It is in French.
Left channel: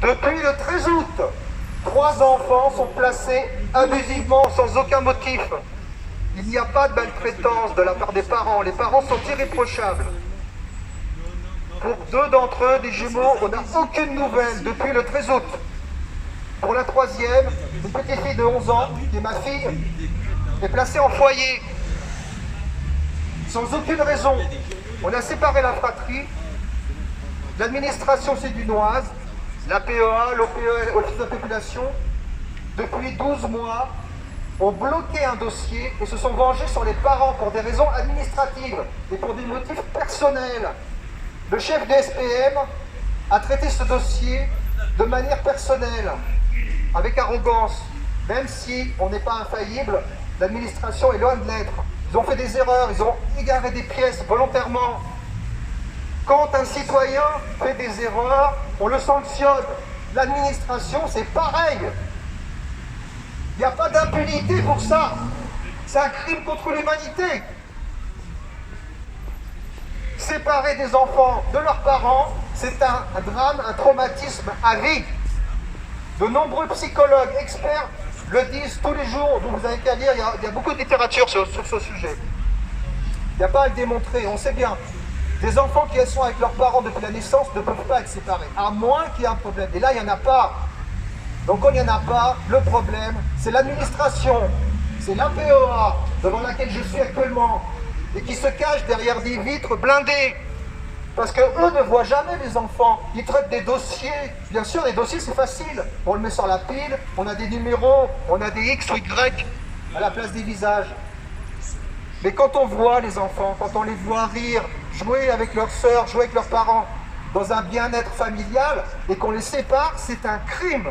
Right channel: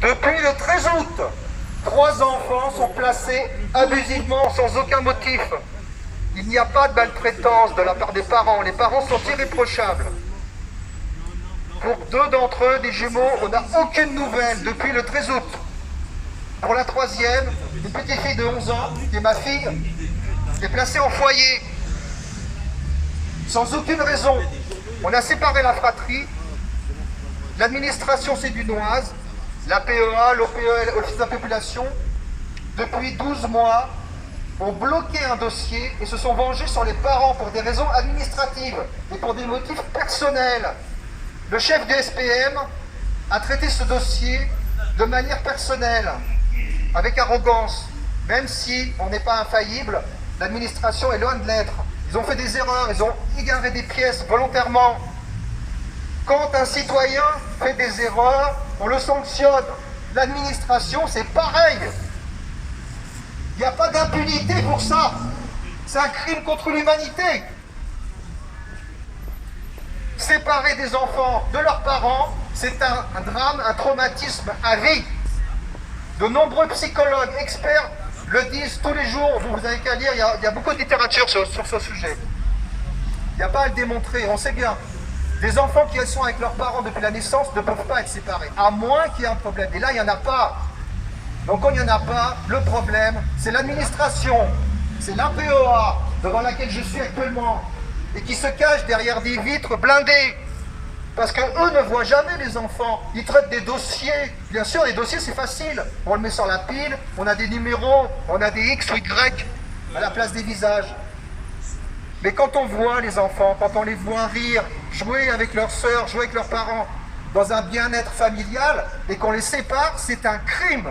Depuis le 13 août, 3 enfants sont placés abusivement sans aucun motif. Il n'y a pas de maltraitance de la part des parents. Les parents sont irréprochables. Pour 2 d'entre eux, des jumeaux, on n'a aucune nouvelle depuis le 13 août. Pour la 3e, une petite fille de 11 ans, qui est ma fille, est placée en foyer. Sans aucune raison. On a séparé la fratrie. L'administration sédunoise, la PEA, l'OPE, l'Office de la population, depuis 12 mois, ont bloqué un dossier et se sont vengés sur les parents pour des raisons administratives et pour des motifs personnels. Le chef du SPM a traité ce dossier de manière personnelle, avec arrogance, même si on n'est pas infaillible, l'administration est loin de l'être. Ils ont fait des erreurs, ils ont égaré des pièces volontairement. Quand un citoyen fait des erreurs, on le sanctionne. L'administration, c'est pareil. Il n'y a pas d'impunité pour ça. C'est un crime contre l'humanité. Séparer des enfants de leurs parents, c'est un drame, un traumatisme à vie. De nombreux psychologues, experts le disent tous les jours. Vous n'avez qu'à lire, il y a beaucoup de littérature sur ce sujet. Il n'y a pas à le démontrer, on sait bien. Des enfants qui sont avec leurs parents depuis la naissance ne peuvent pas être séparés, à moins qu'il y ait un problème. Et là, il n'y en a pas. Donc quand il n'y en a pas, le problème, c'est l'administration, c'est l'APEA, devant laquelle je suis actuellement, et qui se cache derrière des vitres blindées. Parce qu'eux ne voient jamais les enfants. Ils traitent des dossiers. Bien sûr, les dossiers, c'est facile. On le met sur la pile, on a des numéros, on a des X ou Y à la place des visages. Mais quand on voit les enfants, quand on les voit rire, jouer avec leurs sœurs, jouer avec leurs parents, dans un bien-être familial, et qu'on les sépare, c'est un crime.